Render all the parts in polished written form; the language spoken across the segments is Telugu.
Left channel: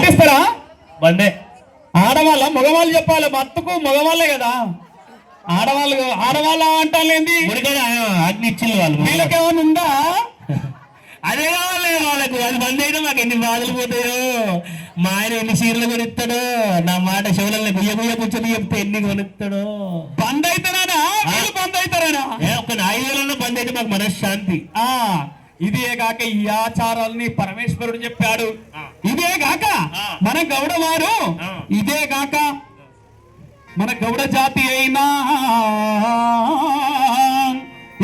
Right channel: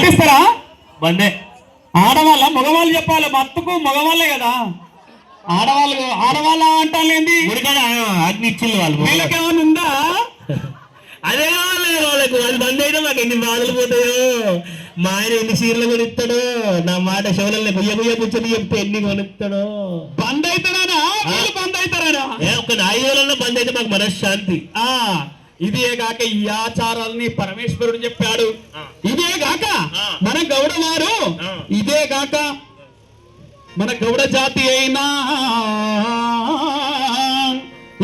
పాటిస్తారా? బందే. ఆడవాళ్ళ మగవాళ్ళు చెప్పాలి, మత్తుకు మగవాళ్ళే కదా. ఆడవాళ్ళ అంటాలేంది? అగ్ని ఇచ్చింది వాళ్ళు. వీళ్ళకేమైనా ఉందా? అదే కావాలి వాళ్ళకు. అది బంద్ అయితే మాకు ఎన్ని బాధలు పోతాయో. మా ఆయన ఎన్ని చీరలు కొనిస్తాడో, నా మాట శివులని గుయ్య గుయ్య కూర్చొని చెప్తే ఎన్ని కొనిస్తాడో. బంద్ అయితేనేనా బంద్ అవుతారేనా? ఒక 5 రోజులన్నా బంద్ అయితే మాకు మనశ్శాంతి. ఇదే గాక ఈ ఆచారాలని పరమేశ్వరుడు చెప్పాడు. ఇదే గాక మన గౌడ వారు, ఇదే గాక మన గౌడ జాతి అయినా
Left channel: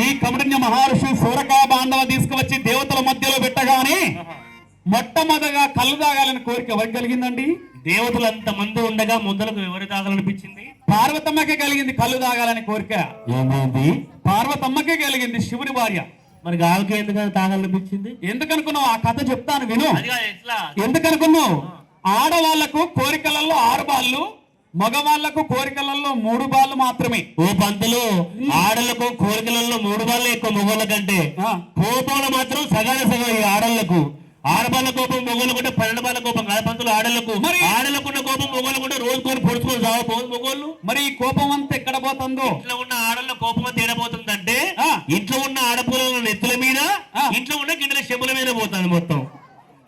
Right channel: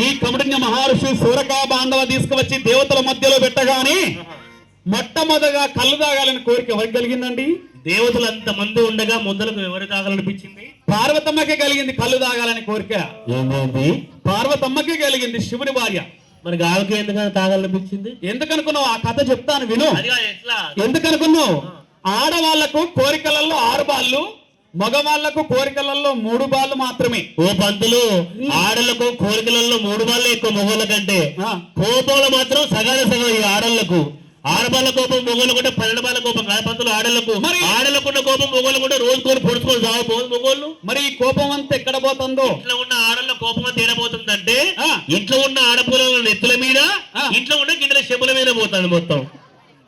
ఈ కమరుణ్య మహర్షి సూరకా బాండవ తీసుకువచ్చి దేవతల మధ్యలో పెట్టగానే మొట్టమొదటిగా కళ్ళు తాగాలని కోరిక ఎవరికి కలిగిందండి? దేవతలు అంత మంది ఉండగా ముందరకు ఎవరు తాగాలనిపించింది? పార్వతమ్మకే కలిగింది కళ్ళు తాగాలని కోరిక. పార్వతమ్మకే కలిగింది, శివుడి భార్య. మరి గావికి ఎందుకు తాగాలనిపించింది? ఎందుకనుకున్నావు? ఆ కథ చెప్తాను విను. ఎందుకనుకున్నావు? ఆడవాళ్లకు కోరికలలో 6 బాళ్ళు, మగవాళ్లకు కోరికలలో 3 బాళ్ళు మాత్రమే. ఓ పంతులు, ఆడలకు కోరికలలో 3 బాళ్ళే ఎక్కువ మొగోళ్ళ కంటే. కోపంలో మాత్రం సగానే సగం ఈ ఆడళ్లకు. 6 బాళ్ళ కోపం మొగోళ్ళు కూడా 12 బాళ్ళ కోపం కాదు పంతులు ఆడలకు. మరి ఆడలకున్న కోపం మొగోళ్ళు కూడా రోజుకొని పొడుచుకొని సాగపోదు మొగోళ్ళు. మరి ఈ కోపం అంతా ఎక్కడ పోతుందో? ఇంట్లో ఉన్న ఆడల కోపం అంతా ఏడబోతుందంటే ఇంట్లో ఉన్న ఆడపూల నెత్తుల మీద, ఇంట్లో ఉన్న గిన్నెల చెప్పుల మీద పోతుంది మొత్తం.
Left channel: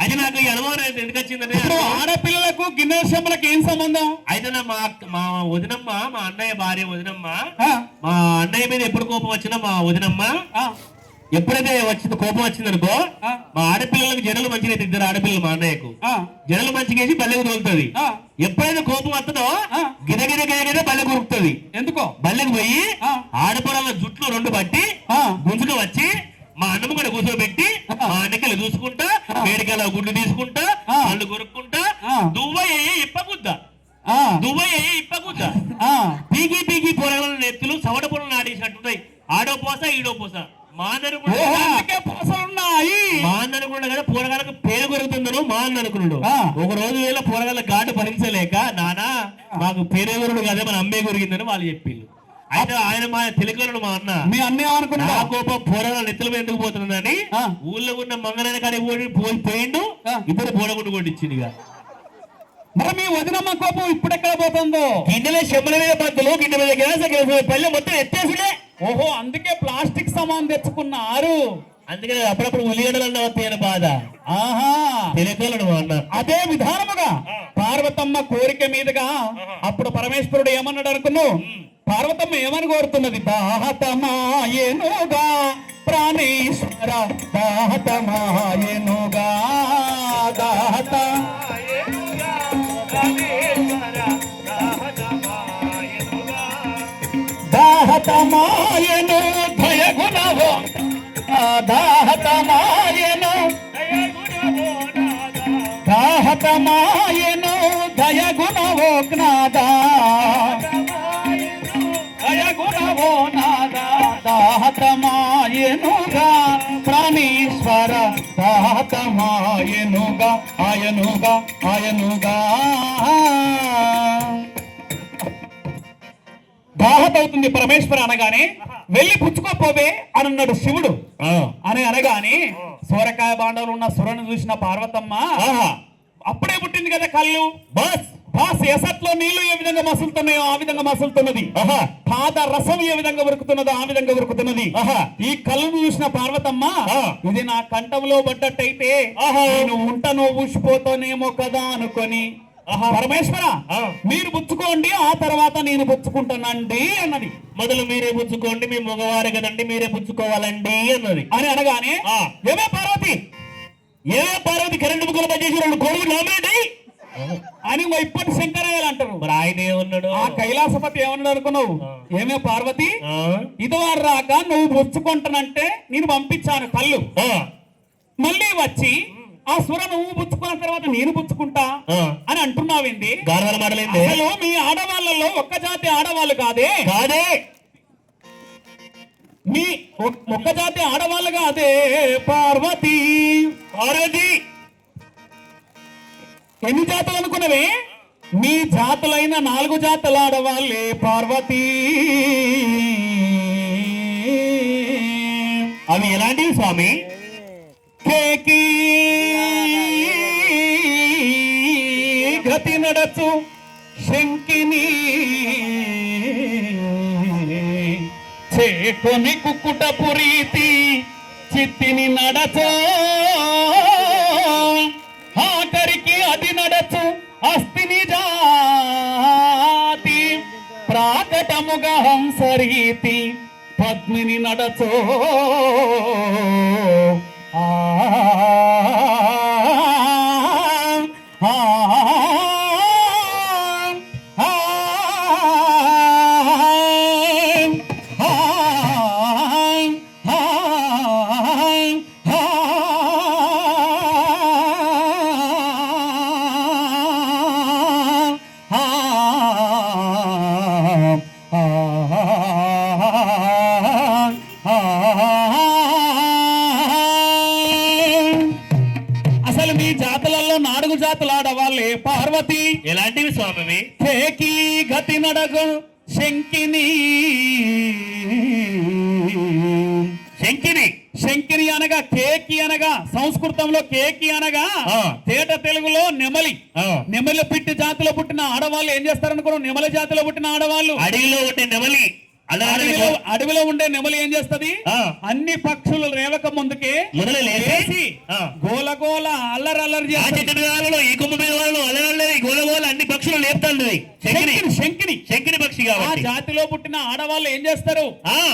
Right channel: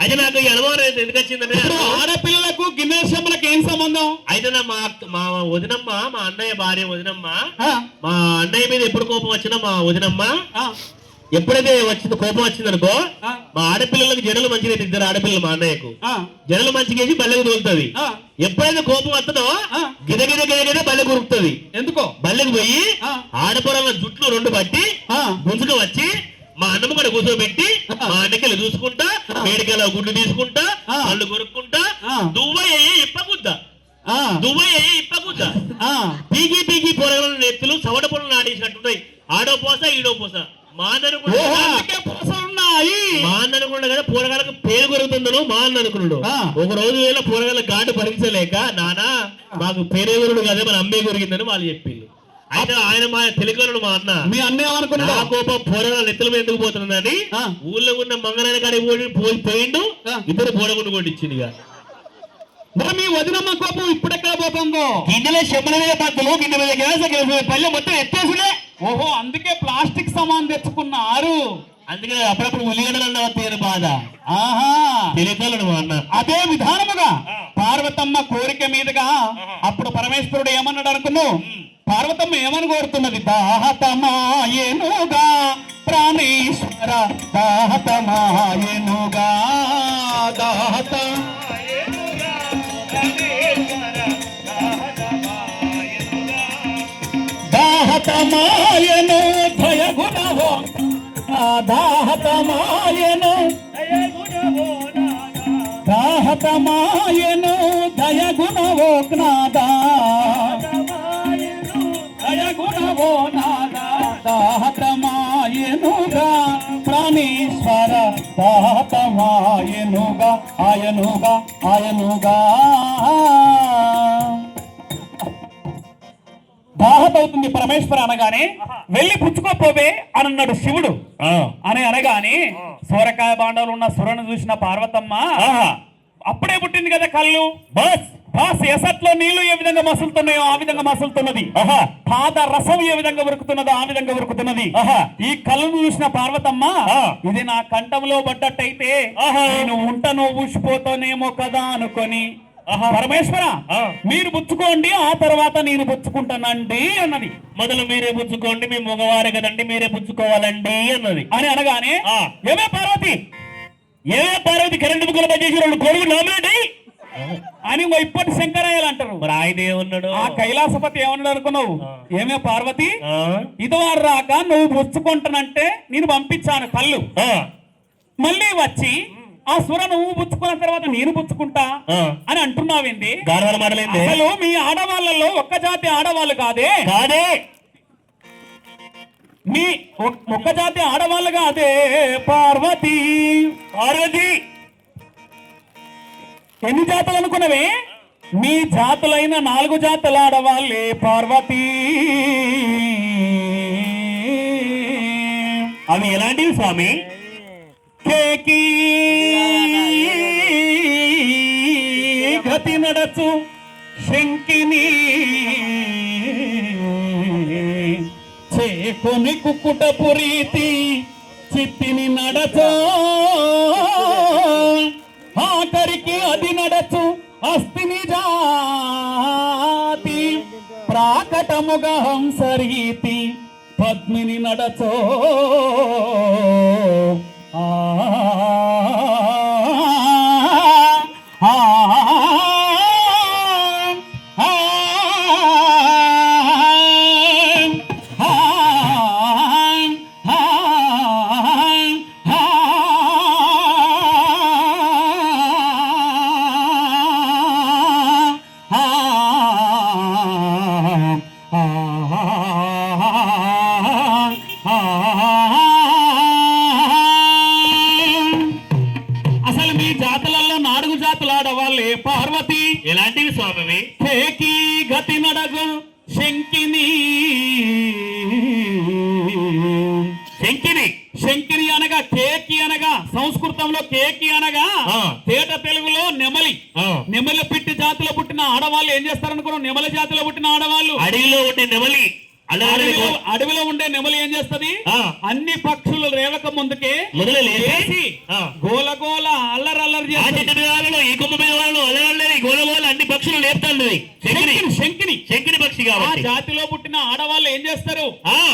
అయితే నాకు ఈ అనుభవం ఎందుకు వచ్చిందంటే, ఆడపిల్లలకు గిన్నెల చెప్పులకు ఏం సంబంధం? అయితే మా వదినమ్మ, మా అన్నయ్య భార్య వదినమ్మ, మా అన్నయ్య మీద ఎప్పుడు కోపం వచ్చినా మా వదినమ్మ ఎప్పుడైతే వచ్చింది కోపం వచ్చింది అనుకో, మా ఆడపిల్లలకు జడలు మంచిగా 2 ఆడపిల్లలు మా అన్నయ్యకు జడలు మంచిగేసి బల్లెకు తోలుతుంది. ఎప్పుడైతే కోపం వస్తుందో గిదగిద గిదగిద బల్లెకు ఉరుకుతుంది. ఎందుకో బల్లెకు పోయి ఆడపిల్లల జుట్లు 2 పట్టి గుంజుకు వచ్చి మా అన్నమ్మ కూడా కూర్చోబెట్టి మా అన్నకెళ్ళి చూసుకుంటా, వేడికల గుడ్డు తీసుకుంటా, పళ్ళు కొరుక్కుంటా, దువ్వయ్య ఇప్పగుద్దా పీకి పీకి పొరగల నెత్తులు సవట పొలం ఆడేసినట్టున్నాయి. ఆడో పోస ఈడో పోస మా అన్ననుకున్నాడు కదా పూరగాలకు పేరు కొరుకుతుందను మా అన్న అనుకున్నాడు. ఒక రోజు వేళ పూరగాల ఘాటు భరించలేక, నానా మాకు పేరెగురుడు కదా మన అమ్మే కొరిగిందని వాళ్ళు చెప్పింది. అయితే ఆయన మా తెలుగుడు మా అన్న, మీ అన్న అనుకున్నా కోపం పూరగాల నెత్తుల మీద ఎందుకు పోతుందని ఊళ్ళో ఉన్న మంగళాయన కాడికి పోయిండు. ఇద్దరు పూరగుండు కొట్టించింది. మరి మీ వదినమ్మ కోపం ఇప్పుడెక్కడ పోతుందో? గిన్నెల చెప్పుల మీద పత్తులు, గిన్నె మీద గ్యాస్ పల్లె మొత్తం ఎత్తేసుడే. ఓహో, అందుకే ప్లాస్టిక్ సామాన్ తెచ్చుకున్నారు. అందుకే అప్పుడప్పుడు ఉల్లిగడ్డలు వస్తాయని బాధ. తెలియదు అన్న. అదే విధానముగా పార్వతమ్మ కోరిక మీదుగా అప్పుడు పరమేశ్వరుడు ఏమన్నాడు అనుకున్నావు? పార్వతమ్మ ఏమని కోరుతున్నది? దాహతమాయెనుగా ప్రాణేశ్వర, దాహతమాయెనుగా, దాహతమాయెను భయగుణవో, దాహతమాయెను దాహతమాయెను దయగుణవో నాదా, దయగుణవో నాదా, దాహతమాయెనుగా ప్రాణేశ్వర, దాహతమాయెనుగా, ఆయనుగా ఆయనుగా. దాహతవుతుంది పరమేశ్వర అనగానే వెళ్ళి పుచ్చుకోపోవే అని అన్నాడు శివుడు. అని అనగానే సూరకాయ బాండవులు ఉన్న సురను చూసిన పార్వతమ్మ అప్పుడే పుట్టింది కదా కళ్ళు. బాస్ ఎసట్లో నీళ్లు ఏ విధంగా మసులుతున్నాయో ఆ విధంగా మసులుతున్నది. పాద రసం ఏ విధంగా ఉరుకుతున్నదో ఆ విధంగా ఉరుకుతున్నది. ఈ కళ్ళను చూసిన పార్వతమ్మ, ఇది నా కంఠంలో పడ్డట్టయితే నేను ఉంటను ఊసిపోతానేమో కదా అనుకొని, పరమేశ్వర మీరు పుచ్చుకోండి, ఆ తర్వాత నేను పుచ్చుకుంటానండి అన్నది. మొదలు మీరే పుచ్చుకోండి, మీ మగవారే కదండి, మీరే పుచ్చుకోవాలండి అన్నది. అని అనగానే ఏమే పార్వతి కరెంటు బుక్కలు పనిచేసి 2 కొడుకులు నామినేట్ అని ఇప్పటి శంకరయ్యలు అంటారు. మరి ఆయన ఏమన్నాడు? ఆ కైలాసపతి ఏమన్నాడు అనుకున్నావు? ఏమే పార్వతి, ఇదివారు రాక నువ్వు పుచ్చుకుంటానంటే నేను పంపించాను కళ్ళు, మళ్ళీ వచ్చి ఆ సుర నువ్వు పుచ్చుకున్న తర్వాత నేను పుచ్చుకుంటా అని అంటున్నావేంది? అసలు మీ ఆడవాళ్ళలో ఒక్క జాతి ఆడవాళ్ళు కాదే మీ ఒక్క జాతి ఆడవాళ్ళు కాదే పార్వతి. ఎన్ని జాతులు అనుకున్నవే? మీ జాతులైన 4 జాతుల ఆడవాళ్ళే పార్వతి. అవి ఎలాంటివి స్వామి? కేకి గతి నడచు శంకిని చేకొని కుక్కుట పురీతి చిత్తిని నడచో ఆఖరికి అది నడచు అస్థిని జాతి ప్రాకటముగా హంసరీతి పద్మిని నడచో ఆ ఆ అసలు మీ జాతులలో నాలుగు జాతులు ఆడవాళ్ళే పార్వతి ఎలాంటివి స్వామి? కేకి గతి నడగు శంకిని శంకిని శంకిని అనగా కేకి అనగా సంస్కృతంలో కేకి అనగా తేట తెలుగులో నెమలి. నెమలి పిట్టి జాతిలో పుట్టిన ఆడవాళ్ళు ఏం చేస్తారనుకున్నాం? నెమలి జాతిలో పుట్టిన ఆడవాళ్ళు అడవిలో ఉండే నెమలి అడవిలో ఉండే నెమలి ఏం చేస్తది? అన్ని పక్షులు రేవక ముందుకే మొదలు లేచి గోల గోల అల్లరి అల్లరి ఆ చెట్టు మీద ఈ కొమ్మ మీద అల్లరి గోల గోల అన్ని పక్షులు లేపుతాండ్రి. శంకిని శంకిని శంకిని పక్షి ఆ కాబట్టి జాతిలో పుట్టిన ఆడవాళ్ళు ఏం చేస్తారు?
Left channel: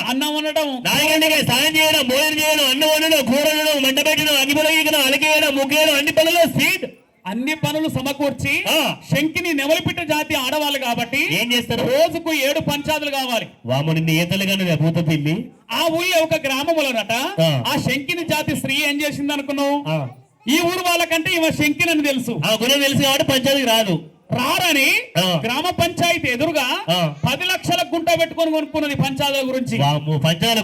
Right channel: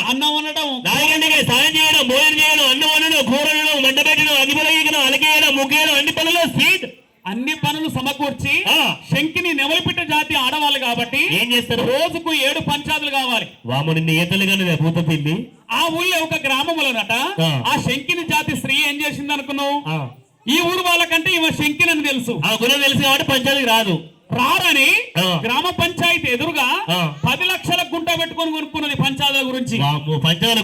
అన్నం వండడం, నాలుగంటికి సాయం చేయడం, భోజనం చేయడం, అన్నం వండడం, కూర వండడం, మంట పెట్టడం, అగ్గిపొయ్యడం, అలకేయడం, ముగ్గేయడం, అన్ని పనులు స్వీట్ అన్ని పనులు సమకూర్చి శంకిని నెమలిపిట్ట జాతి ఆడవాళ్ళు కాబట్టి ఏం చేస్తారు? రోజుకు 7 పంచాదులు కావాలి. వామని నేతలుగానే భూత పిల్లి ఆ ఊళ్ళో ఒక గ్రామములనట ఆ శంకిని జాతి స్త్రీ ఏం చేసింది అనుకున్నావు? ఈ ఊరు వాళ్ళకంటే ఈమె శంకిని అని తెలుసు. ఆ గుణం తెలిసి కాబట్టి పంచాయతీ రాదు. రారని గ్రామ పంచాయతీ ఎదురుగా 10 లక్షల గుంట పెట్టుకొని కొనుక్కున్నది పంచాయతీ గురించి. పంచాయతీ